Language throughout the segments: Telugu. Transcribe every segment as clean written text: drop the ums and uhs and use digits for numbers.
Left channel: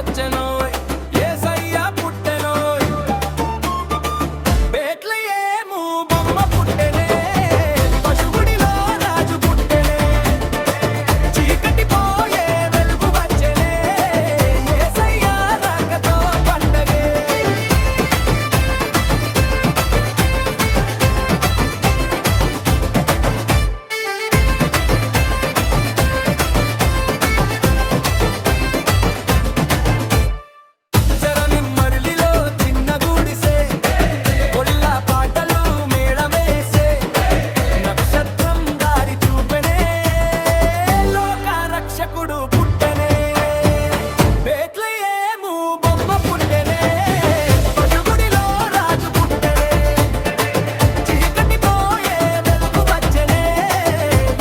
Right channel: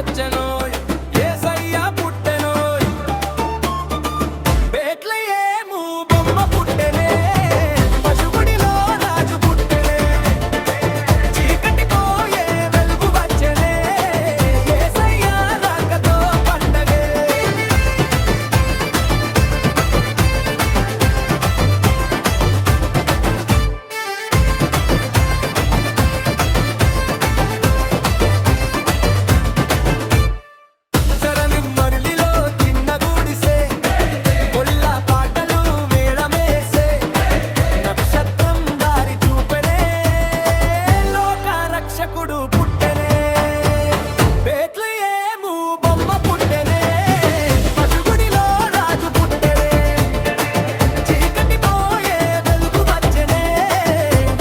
వచ్చెనోయ్ యేసయ్య పుట్టెనోయ్ బేత్లెహేము బొమ్మ పుట్టెనే పశుగుడిలో రాజు పుట్టెనే చీకటి పోయే వెలుగు వచ్చెనే యేసయ్య రాకతో పండగే జరనిమ్మరిలిలో చిన్న గుడిసె కొల్ల పాటలు మేళమేసే నక్షత్రం దారి చూపెనే లోక రక్షకుడు పుట్టెనే బేత్లెహేము బొమ్మ పుట్టెనే పశుగుడిలో రాజు పుట్టెనే చీకటి పోయే వెలుగు వచ్చెనే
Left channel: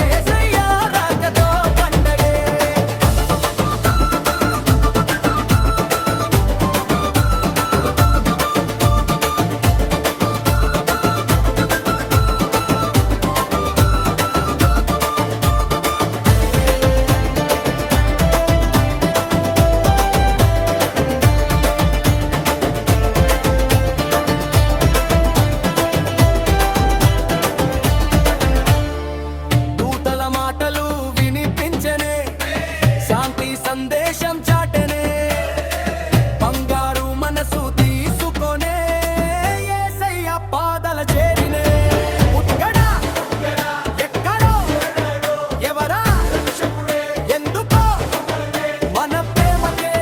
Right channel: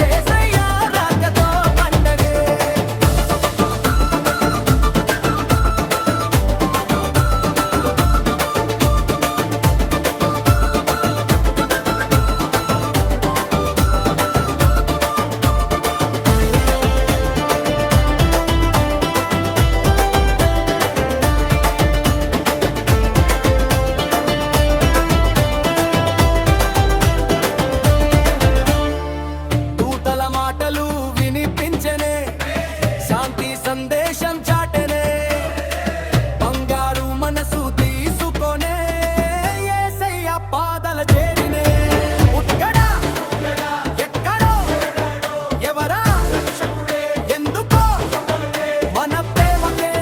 యేసయ్య రాకతో పండగే దూతల మాటలు వినిపించెనే శాంతి సందేశం చాటెనే బంగారు మనసు తీసుకొనే యేసయ్య పాదల చేరినే ఉక్కడా ఎక్కడో ఎవరా ఎందుకో మన ప్రేమకే